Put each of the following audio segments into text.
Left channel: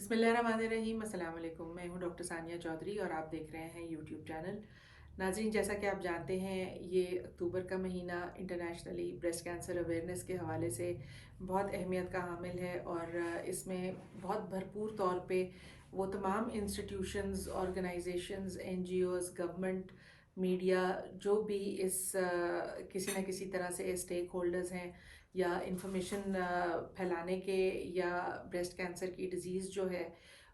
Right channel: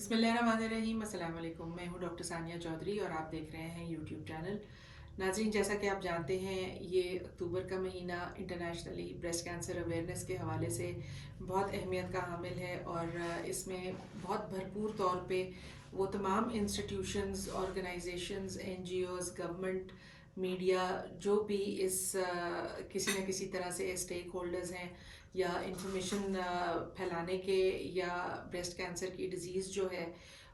بسم اللہ الرحمن الرحیم. السلام علیکم. میں ہوں ڈاکٹر ثانیہ چودھری اور آپ دیکھ رہے ہیں یوٹیوب چینل. ناظرین، جیسا کہ آپ جانتے ہیں یہ اکتوبر کا مہینہ انٹرنیشنلی بریسٹ کینسر اویئرنیس کے حوالے سے بہت اہمیت کا حامل ہے، اور اس میں بہت بھرپور طور پہ وہ تمام institutions, organisations, N G Os, government, media, جو بھی اس کسی نہ کسی طرح سے اسٹیک ہولڈرز ہیں یا انفارمیشن پھیلانے کے یا بریسٹ کینسر کی ڈیزیز جو ہے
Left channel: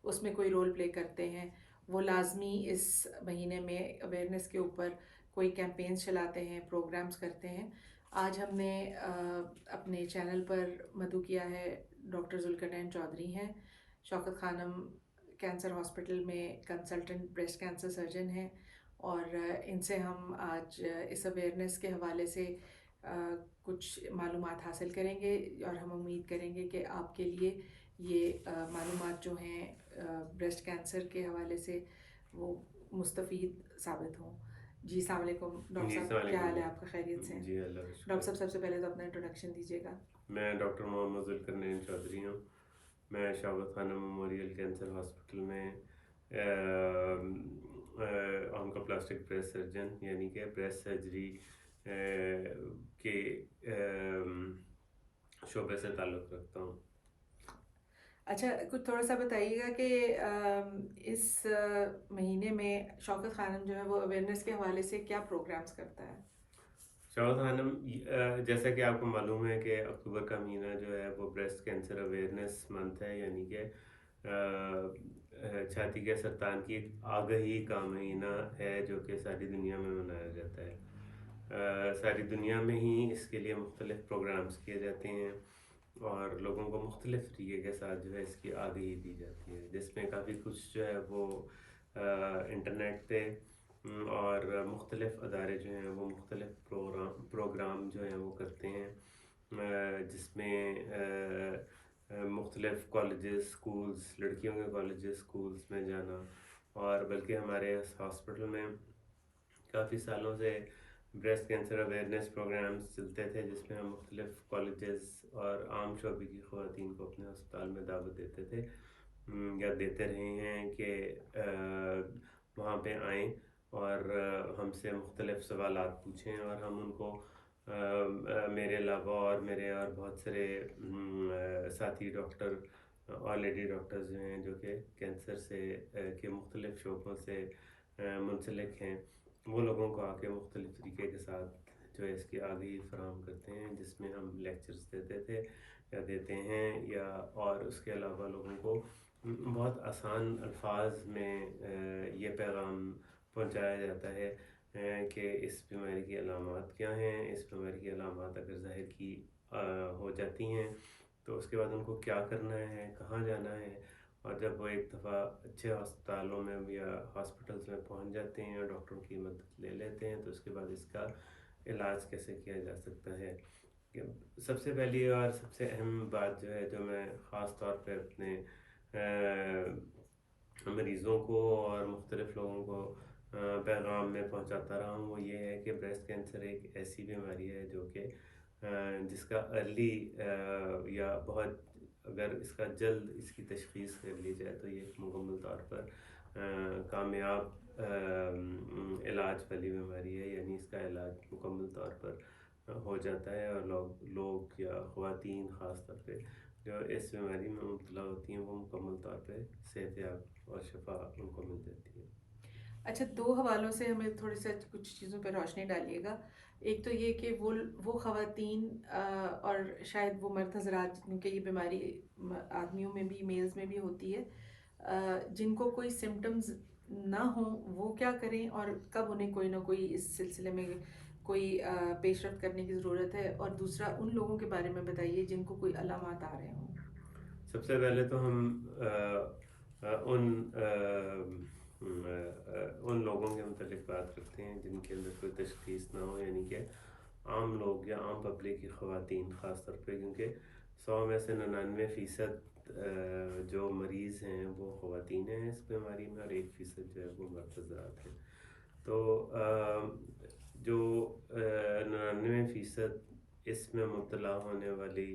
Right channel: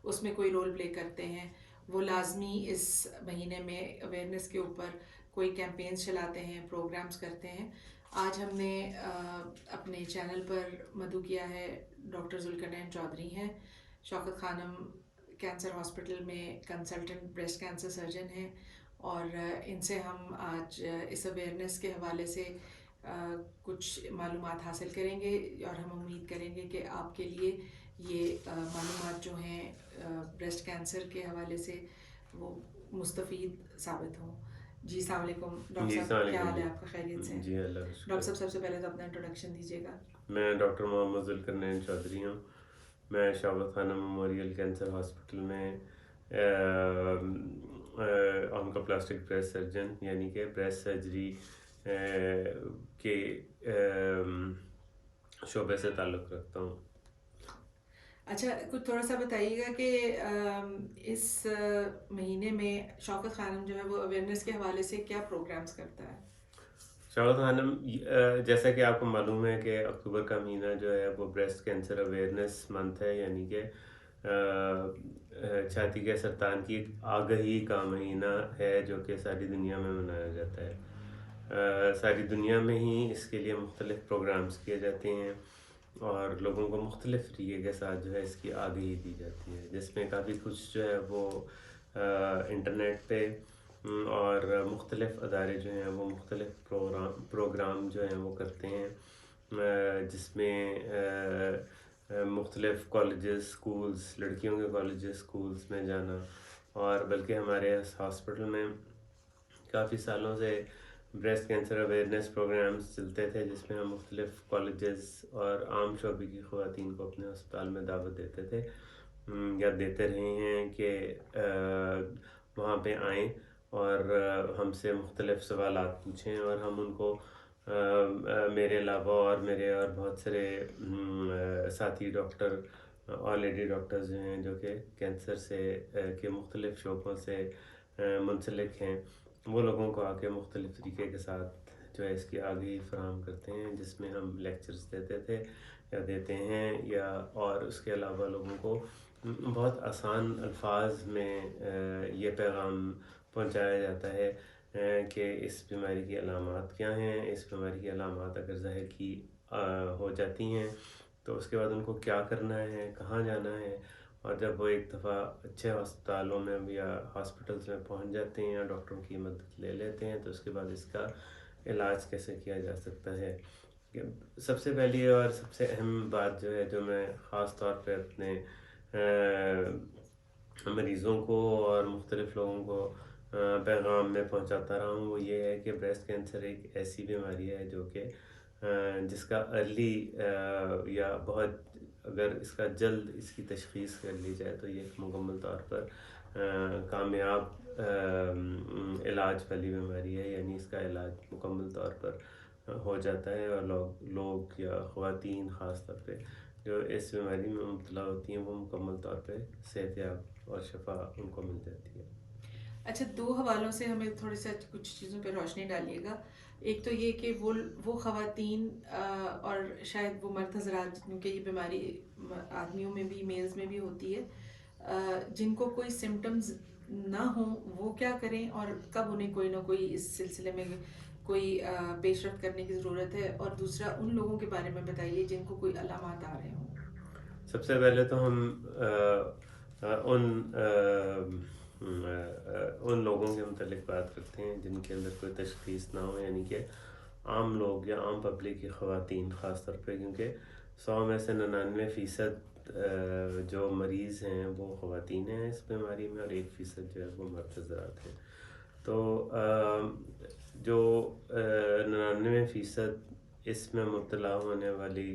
اس میں کوئی رول پلے کرتے ہیں، وہ لازمی اس مہینے میں اویئرنیس کے اوپر کوئی کیمپینز چلاتے ہیں، پروگرامز کرتے ہیں. آج ہم نے اپنے چینل پر مدعو کیا ہے ڈاکٹر ذوالقرنین چودھری ہیں. شوکت خانم کینسر ہاسپٹل میں کنسلٹنٹ بریسٹ کینسر سرجن ہیں، اور ان سے ہم آج اس اویئرنیس کے حوالے سے کچھ معلومات حاصل کریں گے، اور ہم امید کریں گے کہ آپ کے لیے یہ معلومات جو ہیں بریسٹ کینسر کے حوالے سے وہ مستفید ثابت ہوں. جی السلام علیکم ڈاکٹر جی صاحب، السلام کیا علیکم. حال ہے آپ کا؟ خیریت سے ہیں؟ جی اللہ کا شکر. ڈاکٹر صاحب سب سے پہلے تو اپنا انٹروڈکشن دیجیے گا. میں ڈاکٹر محمد ذوالقرنین چودھری ہوں. میں شوکت خانہ میموریل کینسر ہاسپٹل میں آنکوپلاسٹک بریسٹ سرجن یعنی کہ بریسٹ سرجری کے شعبے سے تعلق رکھتا ہوں. اچھا، کچھ تھوڑا سا بتائیے گا کہ اس مہینے میں شوکت خانم جو ہے وہ اویئرنیس کے حوالے سے کیا پروگرامز کرتا ہے؟ شوکت خانم، جیسا کہ آپ کو معلوم ہے کہ اکتوبر کا مہینہ جو ہے وہ بریسٹ کینسر اویئرنیس منتھ ہے، یعنی کہ چھاتی کے سرطان کی آگہی کا مہینہ ہے جو کہ ساری دنیا میں منایا جاتا ہے. ساری دنیا میں ہی اس کے لیے مختلف پروگرامز کیے جاتے ہیں اور لوگوں کو مختلف طریقے کے ساتھ جو ہے اس کی آگہی دی جاتی ہے، جس میں کافی کچھ جو ہے وہ انٹرنیٹ پہ اور مختلف ادارے جو ہیں وہ مختلف پروگرام جو ہیں وہ کرتے ہیں، جس میں مختلف کالجز، سکولز، لڑکیوں کے کالجز، سکولز میں جانا، اور بلکہ ہمارے اس ہاسپٹل میں کافی سالوں سے بریسٹ کینسر اویئرنیس پروگرامز چلتے تھے، جس میں ہم مختلف کالجز اور عام شعبے کی خواتین کو اپنے ہسپتال میں دعوت دیتے تھے یا دیتے رہے ہیں کہ وہاں پہ آئیں اور ہم سے مختلف سوالات پوچھیں، اور ہم ان کو میرے علاوہ اور میرے اور بہت سارے ساتھی ڈاکٹر اور لیڈی ڈاکٹرز جو ہیں جو کہ کینسر سے کے مختلف شعبوں سے منسلک ہیں، وہ لوگوں کو آ کے مختلف طریقے کے ساتھ جو ہے اس کی آگاہی فراہم کرتے ہیں، جس میں ہم لیکچرز دیتے تھے یا دیتے ہیں، یا اور اس کے علاوہ لوگوں کو بہت آسان الفاظ میں یہ پیغام پہنچایا جاتا ہے کہ اس بیماری کی علامات کیا ہیں، اس بیماری کی علامات اگر ظاہر کی ہو جاتی ہیں تو اس کے بعد ان کو کیا کرنا ہے، کہاں جانا ہے، اور جب وہ ایک دفعہ اچھے ہسپتالوں میں یا ہاسپٹلس میں پہنچ جاتے ہیں یا ڈاکٹروں کی مدد لے لیتے ہیں تو اس کے بعد اس کا علاج کیسے کیا جا سکتا ہے. سب سے پہلی اور سب سے اہم بات جو ہے جو میں خاص طور پہ اپنے مریضوں کو اور مختلف لوگوں کو پیغام میں پہنچاتا رہا ہوں، وہ یہ ہے کہ بریسٹ کینسر ایک ایسی بیماری ہے جو کہ جس کا ارلی یا بہت اگر اس کا جلد اس کی تشخیص کر لی جائے تو یہ ایک مکمل طور پر کامیاب علاج والی بیماری ہے، یعنی اس کا علاج مکمل طور پر ہو جاتا ہے، اور لوگ یا خواتین خاص طور پہ جو اس بیماری میں مبتلا ہوتی ہیں وہ مکمل طور پہ صحت یاب اور شفا ان کو مل جاتی ہے. اچھا، دو حوالوں سے ہمیں تھوڑی سی کچھ چیزوں پہ روشنی ڈالیے گا. ایک تو یہ کہ وہ خواتین اور شاید وہ مرد حضرات جن کے یہ بیماری آدمیوں میں بھی، میلز میں بھی ہوتی ہے، جن کو کوئی سمٹمز نہ ہوں، وہ کیا کریں اور کب انہیں کوئی نہ کوئی اس سلسلے میں کوئی پیش رفت کرنے کی ضرورت ہے؟ اور دوسرا ان لوگوں کے بارے میں بتائیے جن کو کوئی علامات آ رہے ہوں. سب سے پہلے تو ہم ان لوگوں کے متعلق بات کرتے ہیں جن کے اندر کوئی تشخیص نہ ہو، یعنی کہ عام لوگ یا عام پبلک کی خواتین خاص طور پہ، کیونکہ 100 میں سے 99% جو مریض ہیں وہ خواتین ہیں اس بیماری میں، اور 1% جو ہے وہ مرد حضرات ہیں. تو جو 99% اس میں مبتلا ہونے والی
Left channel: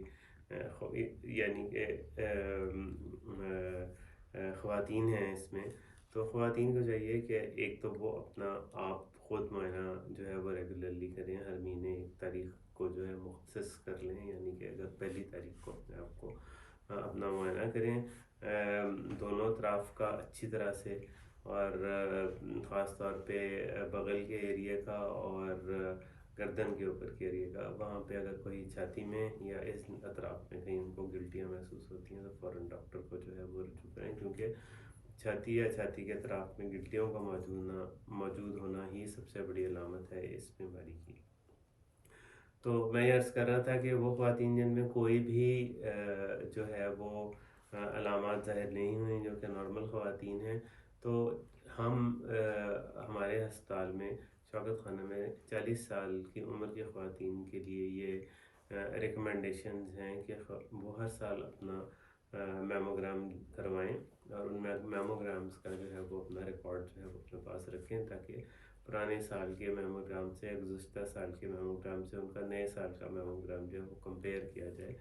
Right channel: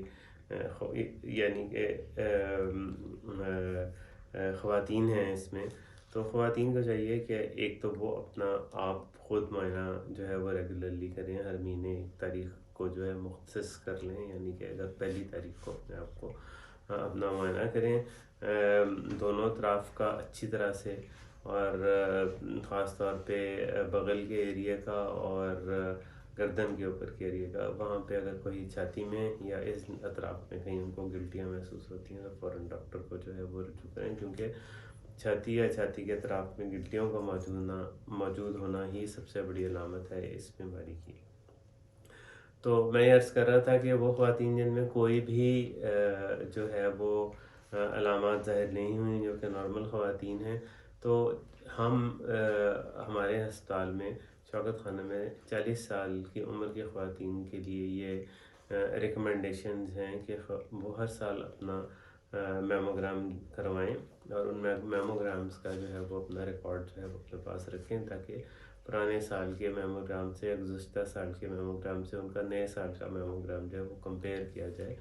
یعنی کہ خواتین ہیں اس میں، تو خواتین کو چاہیے کہ ایک تو وہ اپنا آپ خود معائنہ جو ہے وہ ریگولرلی کریں، ہر مہینے ایک تاریخ کو جو ہے مختص کر لیں، یعنی کہ اگر پہلی تاریخ کو اپنے آپ کو اپنا معائنہ کریں دونوں اطراف کا اچھی طرح سے، اور خاص طور پہ بغل کے ایریا کا اور گردن کے اوپر کے ایریا کا، وہاں پہ اگر کوئی چھاتی میں یا اس اطراف میں کہیں ان کو گلٹیاں محسوس ہوتی ہیں تو فوراً ڈاکٹر کو جو ہے وہ رجوع کریں، کیونکہ چھاتی یا چھاتی کے اطراف میں گلٹیوں کا موجود ہونا ہی سب سے بڑی علامت ہے اس بیماری کی۔ تو میں یہ عرض کر رہا تھا کہ وہ خواتین جن میں کوئی بھی جو ہے وہ علامات ظاہر نہیں ہوئیں، جو کہ نارمل خواتین ہیں، تو ہم ہمارے ہسپتال میں شوکت خانہ میں 40 سال کی عمر کی خواتین کے لیے یہ ریکمنڈیشنز ہیں کہ وہ ہر سال اپنا میموگرام کروائیں، اور ان میموگرامز کا جو ہے وہ اپنا ریکارڈ جو ہے وہ اپنے پاس رکھیں، تاکہ پرانے سال کے میموگرام سے، گزشتہ سال کے میموگرام سے ان کا نئے سال کا میموگرام جو ہے وہ کمپیئر کیا جائے،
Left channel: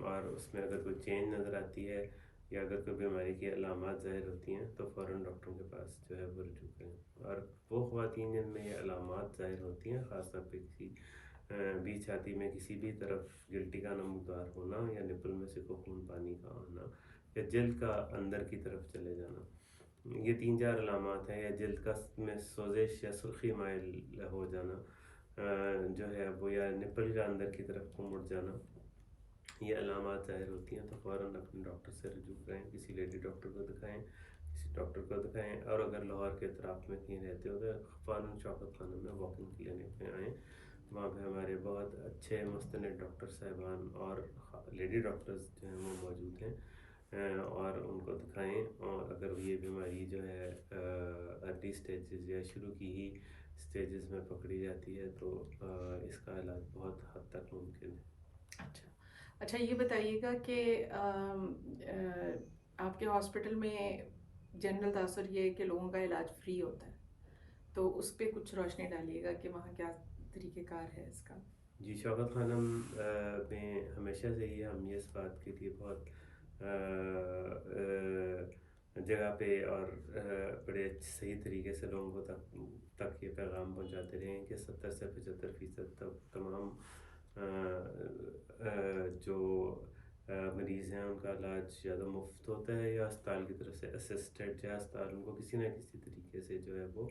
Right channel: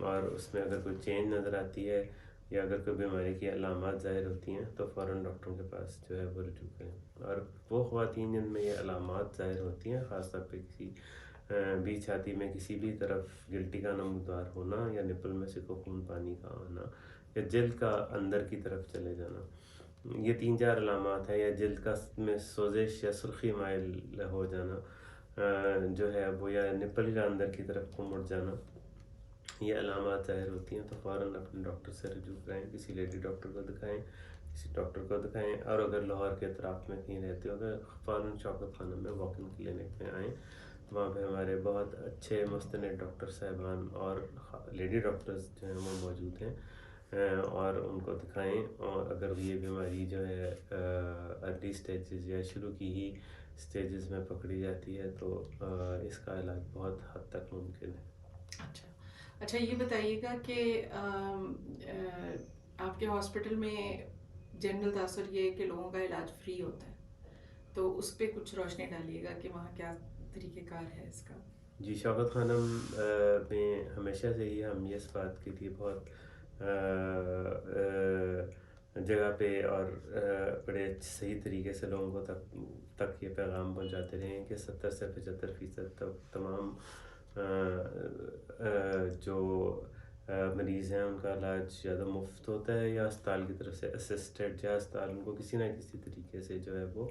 اور اس میں اگر کوئی چینج نظر آتی ہے یا اگر کوئی بیماری کی علامات ظاہر ہوتی ہیں تو فوراً ڈاکٹروں کے پاس جو ہے وہ رجوع کریں۔ اور وہ خواتین جن میں یہ علامات ظاہر ہوتی ہیں، خاص طور پہ کسی بھی چھاتی میں کسی بھی طرف گلٹی کا نمودار ہونا، یا نپل میں سے خون پانی کا آنا، یا جلد کا اندر کی طرف چلے جانا، یہ 3-4 علامات ہیں، یا جلد کا میں سوزش یا سرخی مائل ہو جانا جو ہے وہ، یا نپل کا اندر کی طرف کو مڑ جانا، یہ علامات ظاہر ہوتی ہیں تو فوراً اپنے ڈاکٹر سے رجوع کریں، کسی لیڈی ڈاکٹر کو دکھائیں، کسی ڈاکٹر کو دکھائیں، اور اگر لاہور کے اطراف میں کہیں رہتے ہو تو فوراً شوکت خانہ میں واک ان کلینک میں آئیں، وہاں پہ ہمارے بہت اچھے مستند ڈاکٹر صاحبان اور لیڈی ڈاکٹرز جو ہیں وہ موجود ہیں، اور ان کو دکھائیں، اور اگر یہ بیماری جو ہے ارلی سٹیجز یا شروع کی ہی سٹیجز میں پکڑی جاتی ہے تو اس کا علاج بہت حد تک ممکن ہے۔ اچھا یہ بتائیے گا کہ آپ کے ہاسپٹل میں جنرل تاثر یہ ہے کہ لوگوں کا علاج فری ہوتا ہے، تو اس پہ کچھ روشنی ڈالیے گا کہ وہاں کیا طریقہ کار ہے اس کا؟ جی، شوکت خانہ میں ہمیشہ سے ہی ہم اس بات کے لیے بہت جگہ پہ اور بڑے صحیح طریقے سے لوگوں کو تک یہ پیغام پہنچاتے رہے ہیں کہ 70 سے 75% تک تمام جو مریض ہیں ان کا علاج یا تو مفت ہوتا ہے، یا اسپتال کی طرف سے اسسٹڈ، یا اسپتال ان کو کسی نہ کسی طریقے سے جو ہے وہ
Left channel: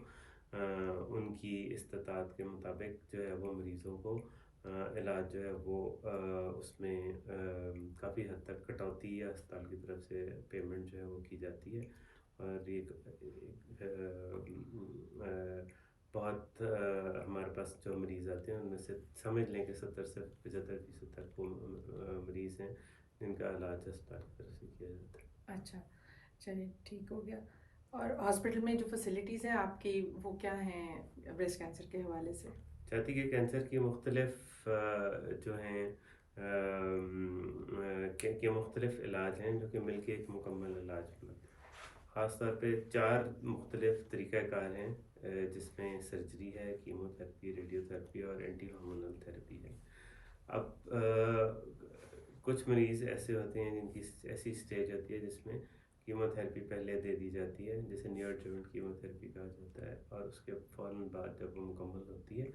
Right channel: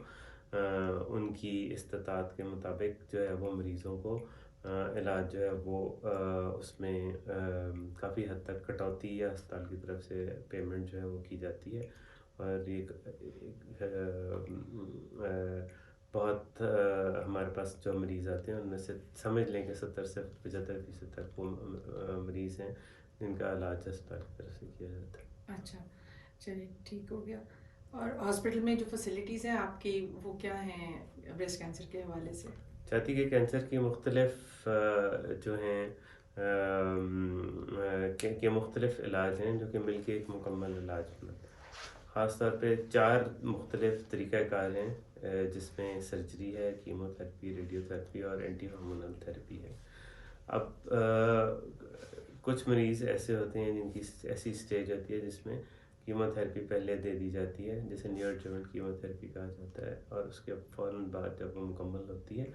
ان کی استطاعت کے مطابق جو ہے وہ مریضوں کو علاج جو ہے وہ اس میں کافی حد تک کٹوتی یا اسپتال کی طرف سے پیمنٹ جو ہے وہ کی جاتی ہے، اور ایک بہت ہمارے پاس جو مریض آتے ہیں ان میں سے سمجھ لیں کہ 70 سے 75% تک وہ مریض ہیں جن کا علاج اسپتال کی طرف سے کیا جاتا ہے۔ اچھا چلیے ٹھیک ہو گیا۔ اور ہاسپٹل میں جو فیسلٹیز ہیں آپ کی وہ کیا ہیں بریسٹ کینسر کے حوالے سے؟ چھاتی کے کینسر کی مختلف جو ہیں کہ مختلف علاج ہیں جو کہ مل کے ایک مکمل علاج بناتے ہیں۔ خاص طور پہ 4 مختلف طریقہ کار ہیں جس میں سرجری ہے، کیمو تھراپی، ریڈیو تھراپی اور اینٹی ہارمونل تھراپی ہے۔ اب کچھ مریض ایسے ہوتے ہیں جن کی ایسی سٹیج ہوتی ہے جس میں کیمو تھراپی پہلے دے دی جاتی ہے، جسے نیو ایڈجوونٹ کیمو تھراپی کہا جاتا ہے، اور اس کے فوراً بعد جب وہ مکمل ہوتی ہے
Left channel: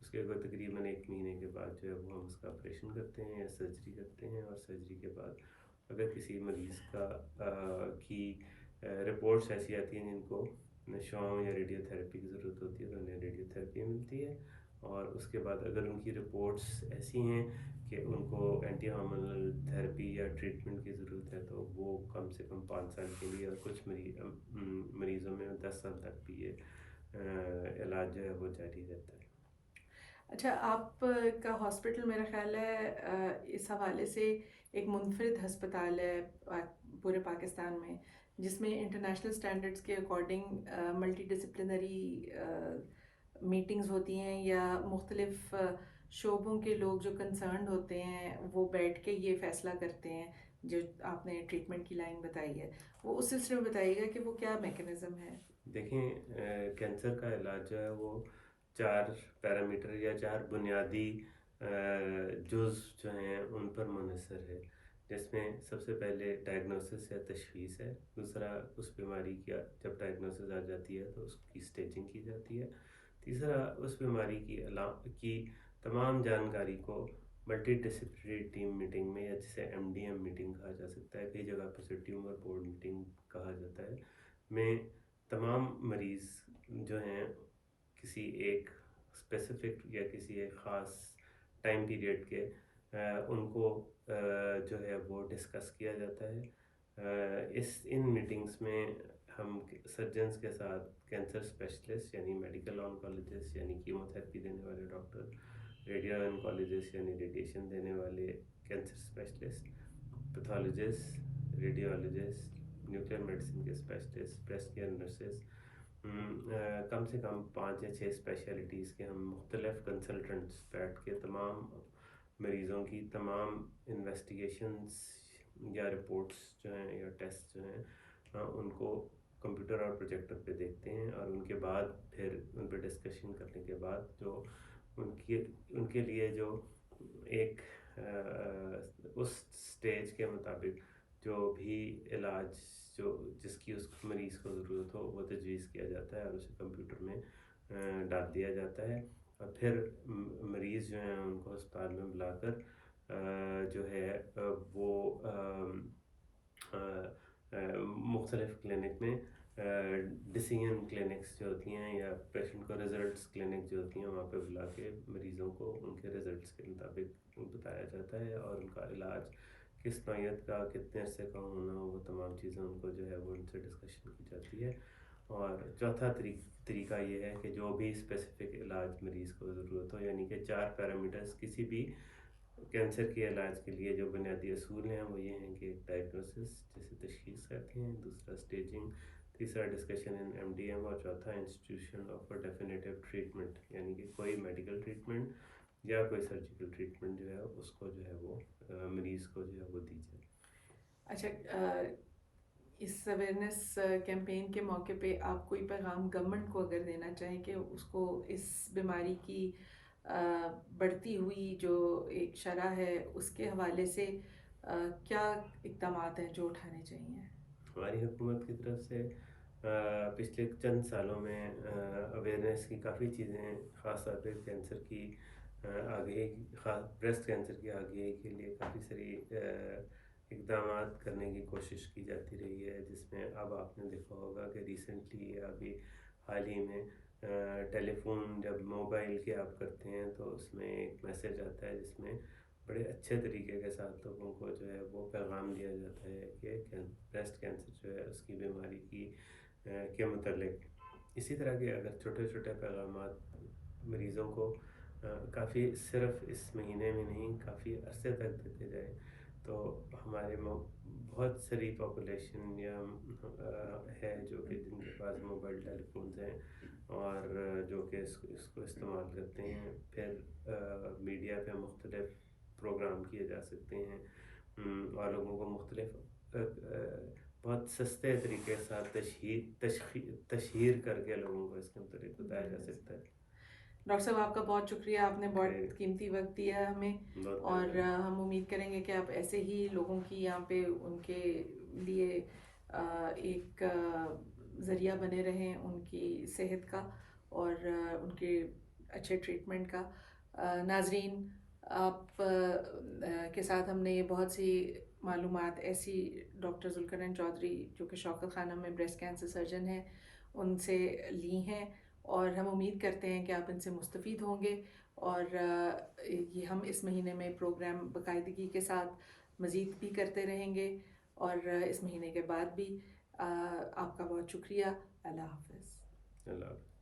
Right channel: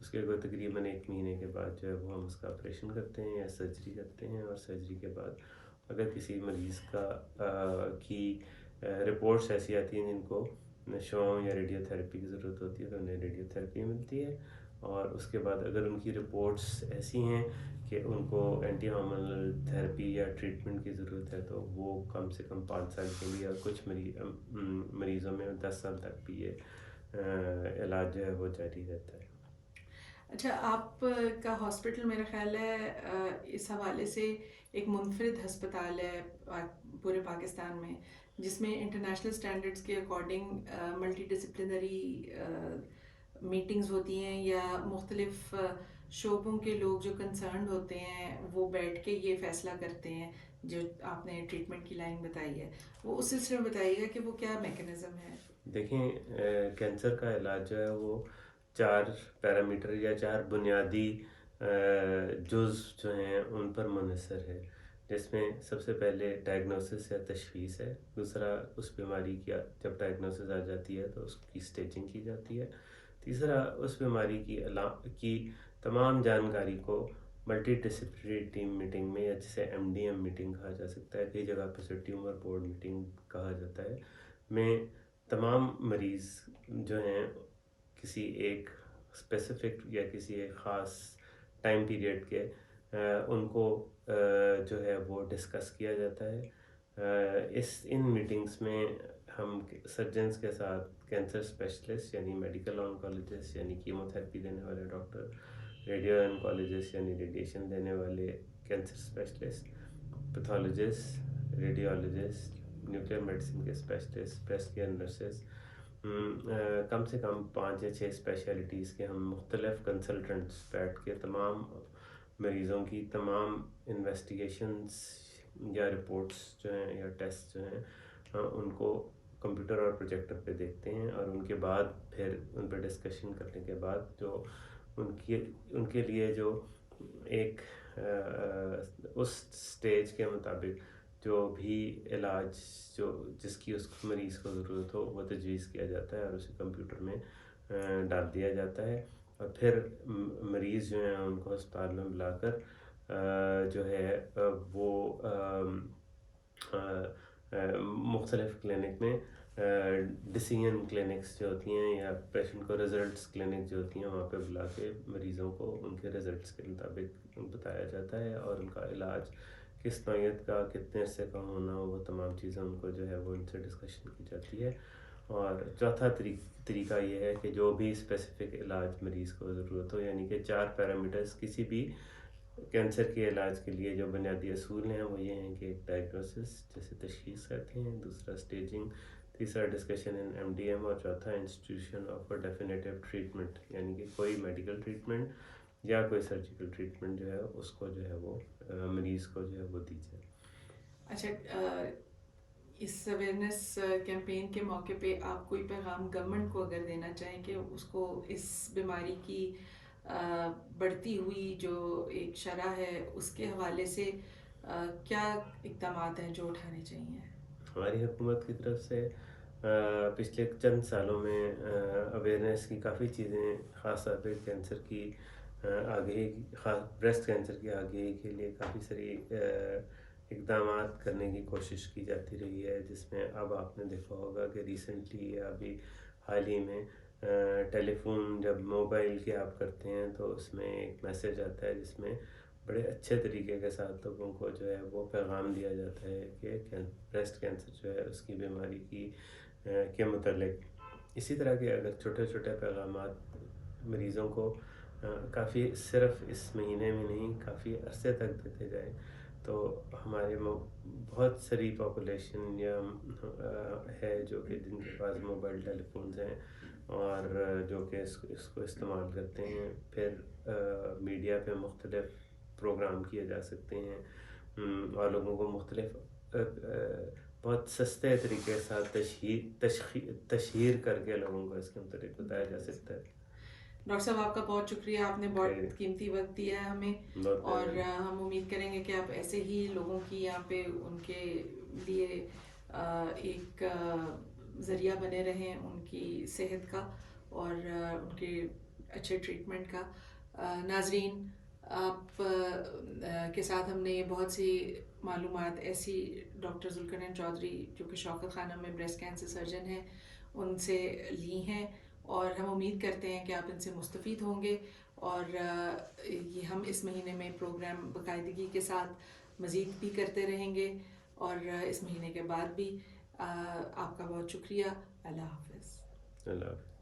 اس کے کوئی تقریباً 1 مہینے کے بعد جو ہے وہ ہم اس کا آپریشن کرتے ہیں یا سرجری کرتے ہیں، اور سرجری کے بعد اگر کسی مریض کی رپورٹس ایسی آتی ہیں جن کو شعاع یا ریڈیو تھراپی کی ضرورت ہوتی ہے تو انہیں ریڈیو تھراپی ملتی ہے، اور اس کے بعد اگر ان کی رپورٹس ایسی ہیں کہ ان کو اینٹی ہارمونل تھراپی یا ٹریٹمنٹ کی ضرورت ہے تو وہ کم سے کم 5 سال کے لیے، اور کچھ مریضوں میں 10 سال تک بھی یہ علاج جو ہے وہ جاری رہتا ہے۔ اچھا آپ کا ہاسپٹل میرا خیال ہے اس حوالے سے ایک منفرد ہسپتال ہے پورے پاکستان میں، جس میں انٹرنیشنل سٹینڈرڈز کے اکارڈنگ ملٹی ڈسپلنری میٹنگز ہوتی ہیں، یا مختلف شعبوں کے لوگ جو کنسرنڈ ہوتے ہیں وہ بیٹھ کے یہ فیصلہ کرتے ہیں۔ جو آپ نے ٹریٹمنٹ کی لائن بتائی ہے وہ اس سلسلے میں بتائیے گا کہ وہ کیا میکانزم ہے؟ دیکھیں کینسر کا علاج جو ہے وہ 4 پیرامیٹر یا 4 بنیادی جز جو ہیں ان پر منحصر ہے۔ جس میں سب سے پہلے ڈائگنوسس یا تشخیص ہے، دوسرا اس بیماری کی جب ڈائگنوسس آ جاتی ہے تو اس کی اسٹیجنگ کی جاتی ہے، تیسرا اس بیماری کی تمام جانکاری کو ملٹی ڈسپلنری ٹیم میٹنگ میں، یا جسے MDM میٹنگ کہا جا سکتا ہے، کئی جگہ پہ اسے ٹیومر بورڈ میٹنگ کہا جاتا ہے، میں تمام مریض جو ہیں کسی ایک اسپیسیفک یا کسی ایک خاص ٹائم پیریڈ کے ان کو جو ہے وہ ڈسکس کیا جاتا ہے۔ ان میٹنگس میں ہم سرجنس کے ساتھ کینسر اسپیشلسٹ یعنی میڈیکل آنکولوجسٹ یعنی کیمو تھراپی دینے والے ڈاکٹر، ریڈیو آنکولوجسٹ یعنی ریڈیشن دینے والے cancer specialist, pathologist, radiologist, nuclear medicine کے اسپیشلسٹ، بریسٹ کیئر نرسز، کم سے کم 5 یا 6 اسپیشلٹیز کے ہم مختلف کنسلٹنٹس بیٹھ کے تمام مریضوں کی تمام انویسٹیگیشنس یا رپورٹس جو ہیں یا ٹیسٹ جو ہیں ان کو کمپیوٹر اور پروجیکٹر پہ دیکھتے ہیں، اور ان کے بعد پھر ان پہ ڈسکشن کرنے کے بعد جو ان کے لیے جو ایک اس سٹیج کے مطابق جو بھی علاج جس کی اس مریض کو ضرورت ہو وہ تجویز کیا جاتا ہے اور اسے کمپیوٹر میں ڈال دیا جاتا ہے، اور پھر مریض جو ہیں ان کو ہسپتال میں بلا کر جو ہے وہ مختلف کلینک میں ڈیسیژن کلینکس جو ہوتی ہیں یا پیشنٹ کو رزلٹس کلینک جو ہوتی ہیں وہاں پہ بلا کے مریضوں کو ان کے رزلٹس کے مطابق بتایا جاتا ہے، اور ان کا علاج کس نوعیت کا، کتنے عرصے کا ہونا ہو، وہ تمام چیزیں ان کو جو ہے وہ ان سے ڈسکشن کی جاتی ہے۔ اور چوتھا طریقہ یہ ہے کہ جو بھی اسپیسیفک علاج مریض کو ضرورت ہو، یعنی کہ 4 پیرامیٹرز کسی بھی کینسر کے علاج کے لیے جو بنیادی اصول ہیں وہ یہ ہیں کہ ایک ڈائگنوسس جسے تشخیص کہتے ہیں، دوسرا اسٹیجنگ، تیسرا ڈسکشن ان MDM، اور چوتھا انسٹیٹیوشن آف اے ڈیفینیٹیو ٹریٹمنٹ، یعنی کہ کوئی میڈیکل ٹریٹمنٹ یا کوئی سرجیکل ٹریٹمنٹ جو ہے اس کو جو ہے وہ مریض کو جو ہے وہ دی جائے۔ اچھا، اس اویئرنیس کیمپین کے موقع پہ آپ کوئی پیغام گورنمنٹ کو اگر دینا چاہیں کہ اس کو اس بیماری کی بڑھتی ہوئی جو ایک شرح ہے اس کے حوالے سے کیا اقدامات ہیں جو اٹھانے چاہیے؟ ہماری حکومت کی طرف سے پچھلے چند سالوں میں اویئرنیس کی کافی چیزیں، خاص طور پہ کینسر کی آگہی، خاص بریسٹ کینسر کی آگہی کے لیے کافی ساری اقدامات کرنے کی کوشش کی جاتی رہی ہے، جس میں اب آپ نے دیکھا ہوگا کہ ریسنٹلی یا ابھی حال ہی میں ٹیلی فون جب موبائل کی آپ کرتے ہیں تو اس میں ایک میسیج آتا ہے جس میں بڑے اچھے طریقے کے ساتھ لوگوں کو جو ہے وہ پیغام دیا جاتا ہے کہ بریسٹ کینسر جو ہے اس کی بیماری کے متعلق اسی طرح کے اگر چھوٹے چھوٹے پیغامات مریضوں کو کافی صرف اس مہینے میں نہیں کافی عرصے تک دیتے جائیں تو ہمارے بہت ساری پاپولیشن یا ہے جو کہ جن کے پاس موبائل ٹیلی فونز ہیں اور جو کہ اس کو استعمال کرتے ہیں، پھر میڈیا پہ مختلف پروگرام کیے جا سکتے ہیں اور لوگوں کو مختلف بہت سستے طریقے کے ساتھ تشہیر کر کے لوگوں کو اس کے متعلق بتایا جا سکتا ہے۔ ڈاکٹر صاحب آپ کا بہت شکریہ، آپ نے بہت قیمتی وقت دیا ہے ہمیں، اور ہم امید کریں گے کہ آپ ایسے ہی لوگوں کی یہاں پہ ان کے لیے ایک ذریعہ بنے رہیں ان کی صحت کا اور ان کے اچھے ٹریٹمنٹ کا۔ ناظرین، آپ کے ساتھ ہم نے بہت سی معلومات ایسی ڈاکٹر ذوالقرنین چودھری جو کہ شوکت خانم میں بریسٹ کینسر سرجن ہیں ان سے لی ہیں، اور ہم امید کرتے ہیں کہ آپ ان سے مستفید ہوں گے، اور یہ ہم اس مہینے میں پروگرام باقاعدگی کے ساتھ مزید بھی کرتے رہیں گے، اور اس مہینے کے بعد بھی۔ آپ کا بہت شکریہ۔ اللہ حافظ۔ اللہ حافظ۔